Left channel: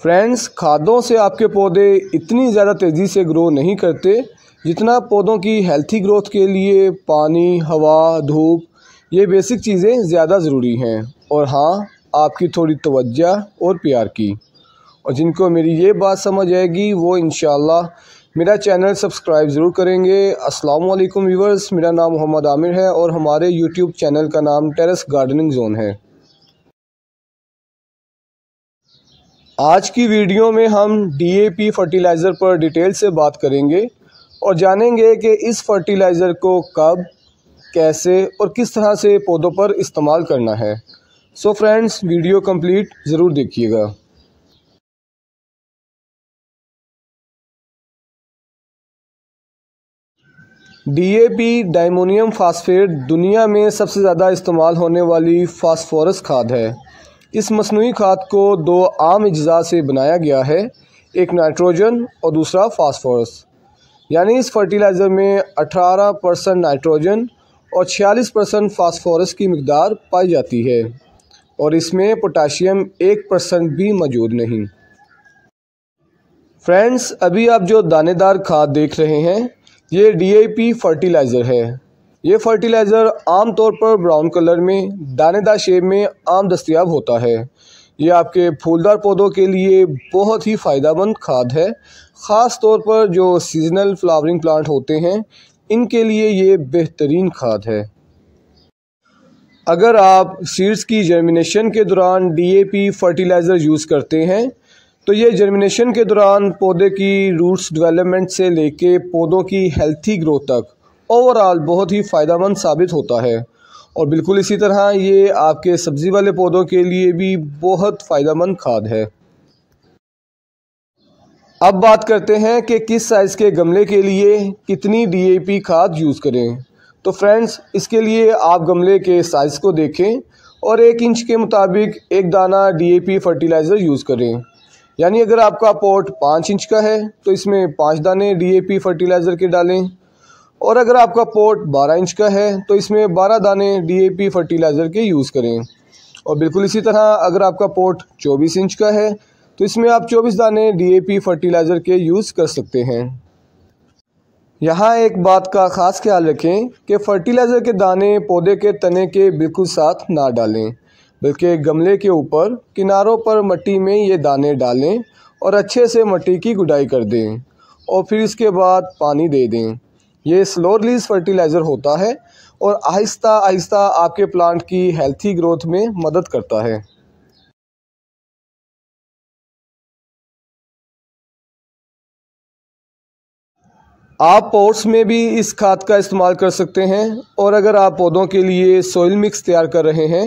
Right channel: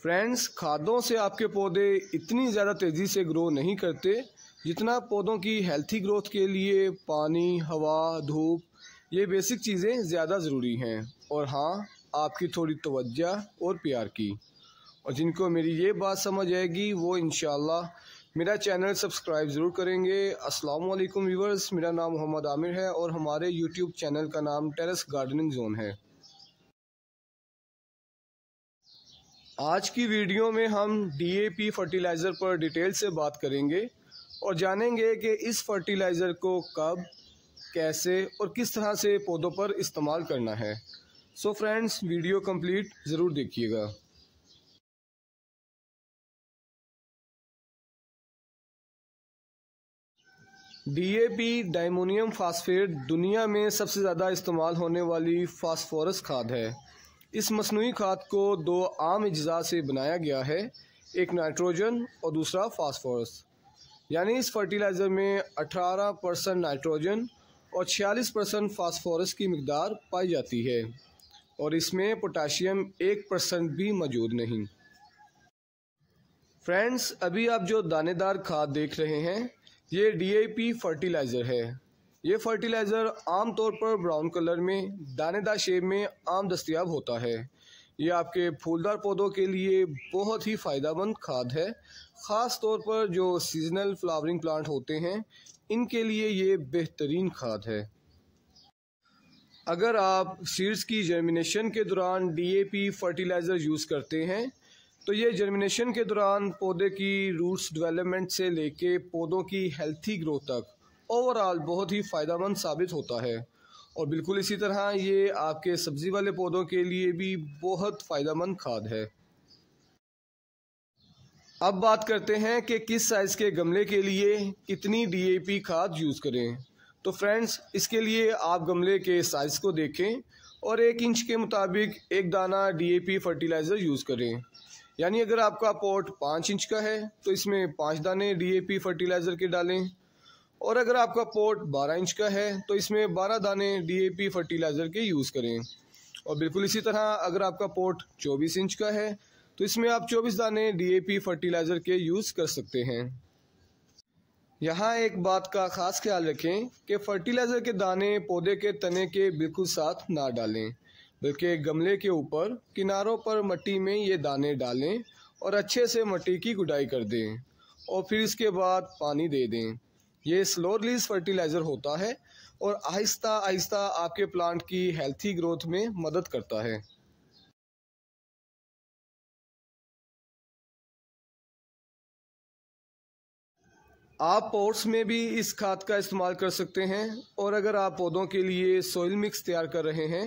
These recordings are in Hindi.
फ्रेंड्स, खादों से आपके पौधे इतनी ज़्यादा तेज़ी से ग्रो नहीं करते जितना पौधों की हेल्थी ग्रोथ के लिए पानी, हवा, धूप ये बेसिक चीज़ें ज़्यादा ज़रूरी हैं। और हाँ, आपकी थोड़ी तवज्जो और प्यार की। और जिनको मेरी ये बात समझ आएगी वो इंशाल्लाह मेरा चैनल सब्सक्राइब ज़रूर करेंगे। अस्सलाम वालेकुम व्यूअर्स, मेरा नाम मोहम्मद आमिर है और हमारे यूट्यूब चैनल का नाम टेरेस गार्डनिंग जोन है। आज की वीडियो में हम DAP फर्टिलाइज़र पर डिटेल से बात करेंगे और जानेंगे कि इस फर्टिलाइज़र को कब, कैसे और किस तरह से पौधों पर इस्तेमाल करना है। सो फ्रेंड्स, वीडियो कंप्लीट ज़रूर देखिएगा। DAP डायमोनियम फास्फेट दुनिया में सबसे ज़्यादा इस्तेमाल होने वाली फास्फोरस खाद है। इस मसनूई खाद को दो आम अज्जा से बनाया गया है, एक नाइट्रोजन और दूसरा फास्फोरस। यानी इस फर्टिलाइज़र में 18% नाइट्रोजन और 46% फास्फोरस की मिकदार पाई जाती है और इसमें पोटाशियम 1% भी मौजूद नहीं। फ्रेंड्स, अभी आप जो दानेदार खाद देख रहे हैं ये DAP फर्टिलाइज़र है। ये फर्टिलाइज़र आम तौर पर ब्राउन कलर में दानेदार शेप में आम दस्तयाब होता है। ये आपके फूलदार पौधों के लिए बहुत ही फ़ायदेमंद खाद है। ख़ास तौर पर जो सीजनल फ्लावरिंग प्लांट होते हैं इनके लिए ये बेहतरीन खाद है। अगर आप सीड्स की जर्मिनेशन के दौरान DAP फर्टिलाइज़र यूज़ करते हैं तो ये जर्मिनेशन के दौरान पौधे की रूट्स डेवलपमेंट से लेके पौधों की हेल्थी ग्रोथ तक ओवरऑल बहुत ही फ़ायदेमंद साबित होता है। और बिल्कुल इसी तरह ये आपके सब्ज़ी वाले पौधों के लिए भी बहुत फ़ायदेमंद खाद है। अब बात करते हैं कि किस साइज़ के गमले के लिए कितनी DAP खाद यूज़ करें। तो फ्रेंड्स, इसके लिए आप गमले के साइज़ को देखें और 1 इंच के मुताबिक एक दाना DAP फर्टिलाइज़र यूज़ करें। यानी अगर आपका पॉट 5 इंच का है तो इसमें 5 दाने DAP फर्टिलाइज़र के डालें, और अगर आपका पॉट 12 इंच का है तो इसमें 12 दाने DAP फर्टिलाइज़र के यूज़ करें। और बिल्कुल इसी तरह अगर आपका पॉट 24 इंच का है तो इसमें आप 24 दाने DAP फर्टिलाइज़र के यूज़ कर सकते हैं। यहाँ एक बात का ख़ास ख्याल रखें कि फर्टिलाइज़र के दाने पौधे के तने के बिल्कुल साथ ना डालें, बल्कि गमले के ऊपर किनारों पर मिट्टी में ये दाने डालें और अच्छे से मिट्टी की गुड़ाई कर दें और फिर इसके बाद पानी दे दें। ये स्लो रिलीज फर्टिलाइज़र होता है और आहिस्ता आहिस्ता आपके प्लांट की हेल्थी ग्रोथ में मदद करता है। आप पॉट्स में भी इस खाद का इस्तेमाल कर सकते हैं और अगर आप पौधों के लिए सॉइल मिक्स तैयार कर रहे हैं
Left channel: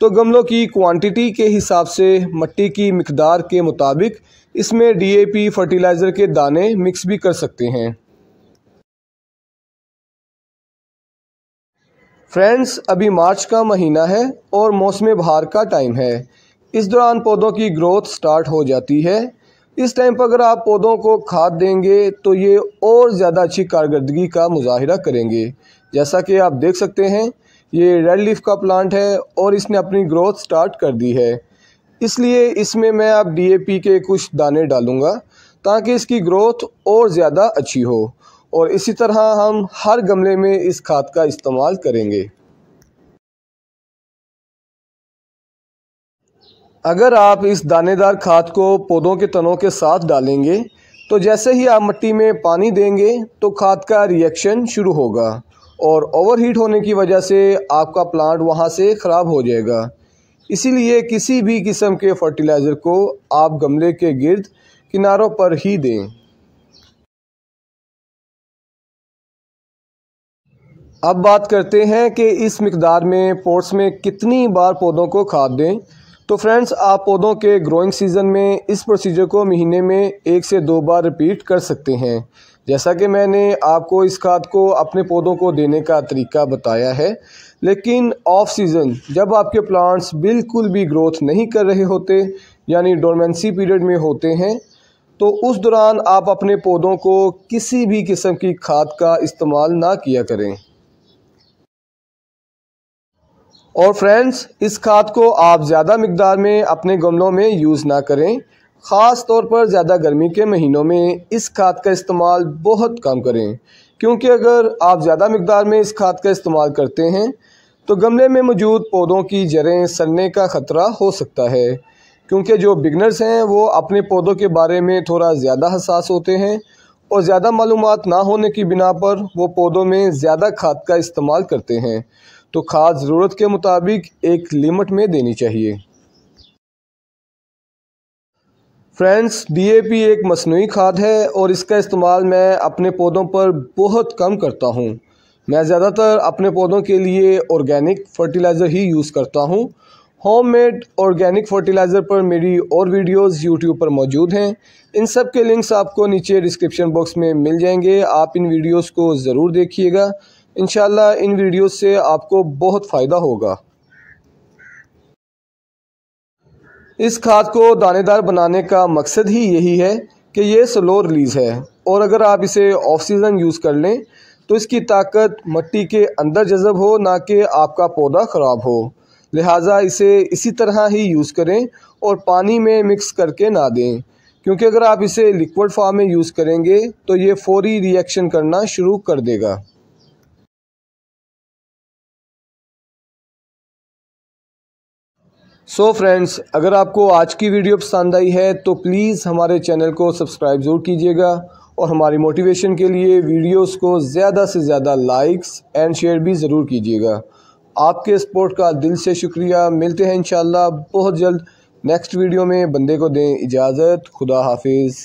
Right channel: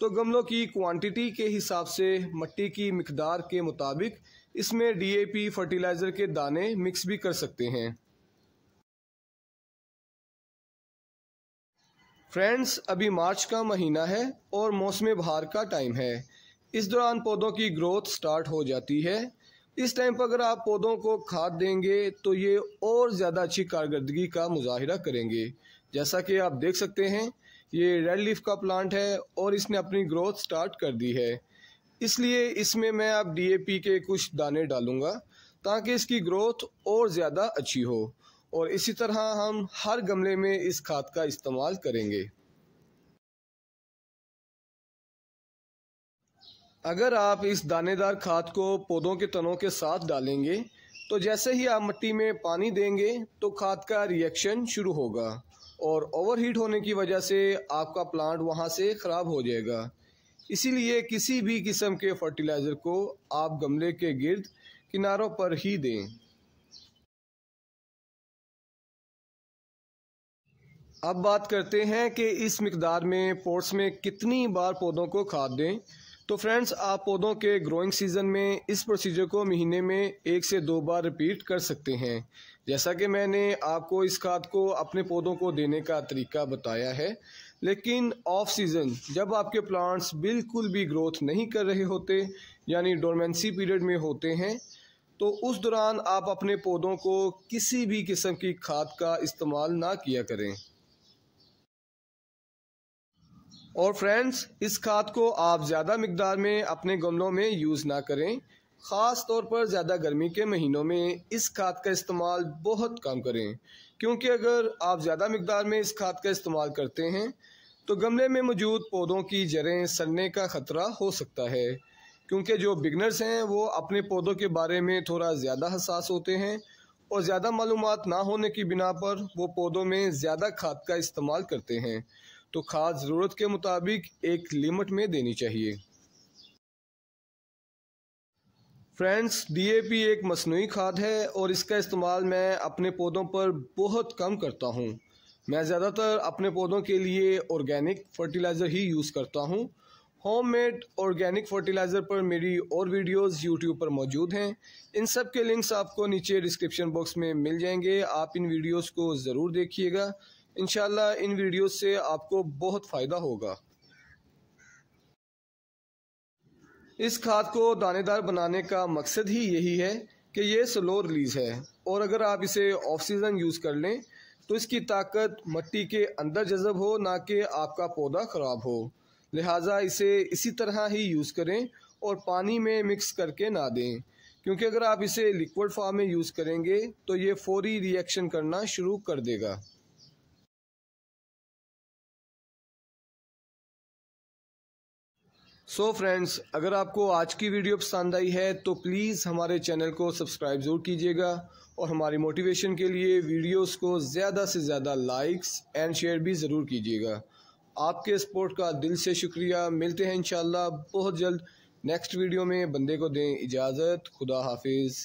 तो गमलों की क्वांटिटी के हिसाब से मिट्टी की मिकदार के मुताबिक इसमें DAP फर्टिलाइज़र के दाने मिक्स भी कर सकते हैं। फ्रेंड्स, अभी मार्च का महीना है और मौसम बहार का टाइम है। इस दौरान पौधों की ग्रोथ स्टार्ट हो जाती है। इस टाइम पर अगर आप पौधों को खाद देंगे तो ये और ज़्यादा अच्छी कारकर्दगी का मुजाहिरा करेंगे। जैसा कि आप देख सकते हैं ये रेड लीफ का प्लांट है और इसने अपनी ग्रोथ स्टार्ट कर दी है। इसलिए इसमें मैं अब DAP के कुछ दाने डालूँगा ताकि इसकी ग्रोथ और ज़्यादा अच्छी हो, और इसी तरह हम हर गमले में इस खाद का इस्तेमाल करेंगे। अगर आप इस दानेदार खाद को पौधों के तनों के साथ डालेंगे तो जैसे ही आप मिट्टी में पानी देंगे तो खाद का रिएक्शन शुरू होगा और ओवरहीट होने की वजह से आपका प्लांट वहां से ख़राब हो जाएगा। इसीलिए किसी भी किस्म के फर्टिलाइज़र को आप गमले के गिर्द किनारों पर ही दें। अब बात करते हैं कि इस मिकदार में पॉट्स में कितनी बार पौधों को खाद दें। तो फ्रेंड्स, आप पौधों के ग्रोइंग सीज़न में इस प्रोसीजर को महीने में 1 से 2 बार रिपीट कर सकते हैं। जैसा कि मैंने आपको इस खाद को अपने पौधों को देने का तरीका बताया है, लेकिन ऑफ सीज़न जब आपके प्लांट्स बिल्कुल भी ग्रोथ नहीं कर रहे होते यानी डोरमेंसी पीरियड में होते हैं तो उस दौरान आप अपने पौधों को किसी भी किस्म की खाद का इस्तेमाल ना किया करें। और फ्रेंड्स, इस खाद को आप ज़्यादा मिकदार में अपने गमलों में यूज़ ना करें। ख़ास तौर पर ज़्यादा गर्मी के महीनों में इस खाद का इस्तेमाल बहुत कम करें, क्योंकि अगर आप ज़्यादा मिकदार में इस खाद का इस्तेमाल करते हैं तो गमले में मौजूद पौधों की जड़ें सड़ने का ख़तरा हो सकता है। क्योंकि जो बिगनर्स हैं वो अपने पौधों के बारे में थोड़ा ज़्यादा हसास होते हैं और ज़्यादा मालूमात ना होने की बिना पर वो पौधों में ज़्यादा खाद का इस्तेमाल करते हैं। तो खाद ज़रूरत के मुताबिक एक लिमिट में देनी चाहिए। फ्रेंड्स, डीएपी एक मसनूई खाद है और इसका इस्तेमाल मैं अपने पौधों पर बहुत कम करता हूँ। मैं ज़्यादातर अपने पौधों के लिए ऑर्गेनिक फर्टिलाइज़र ही यूज़ करता हूँ। होममेड ऑर्गेनिक फर्टिलाइज़र पर मेरी और वीडियोस यूट्यूब पर मौजूद हैं। इन सब के लिंक्स आपको नीचे डिस्क्रिप्शन बॉक्स में मिल जाएंगे। आप इन वीडियोस को ज़रूर देखिएगा। इंशाल्लाह इन वीडियोस से आपको बहुत फ़ायदा होगा। इस खाद को दानेदार बनाने का मकसद ही यही है कि ये स्लो रिलीज़ है और अगर आप इसे ऑफ सीज़न यूज़ कर लें तो इसकी ताकत मिट्टी के अंदर जज़ब हो, ना कि आपका पौधा ख़राब हो। लिहाजा इसे इसी तरह ही यूज़ करें और पानी में मिक्स करके ना दें, क्योंकि अगर आप इसे लिक्विड फॉर्म में यूज़ करेंगे तो ये फौरी रिएक्शन करना शुरू कर देगा। सो फ्रेंड्स, अगर आपको आज की वीडियो पसंद आई है तो प्लीज़ हमारे चैनल को सब्सक्राइब ज़रूर कीजिएगा और हमारी मोटिवेशन के लिए वीडियोस को ज़्यादा से ज़्यादा लाइक्स एंड शेयर भी ज़रूर कीजिएगा। आपके सपोर्ट का दिल से शुक्रिया। मिलते हैं इंशाल्लाह बहुत जल्द नेक्स्ट वीडियो में। बंदे को दें इजाज़त। खुदा हाफिज़।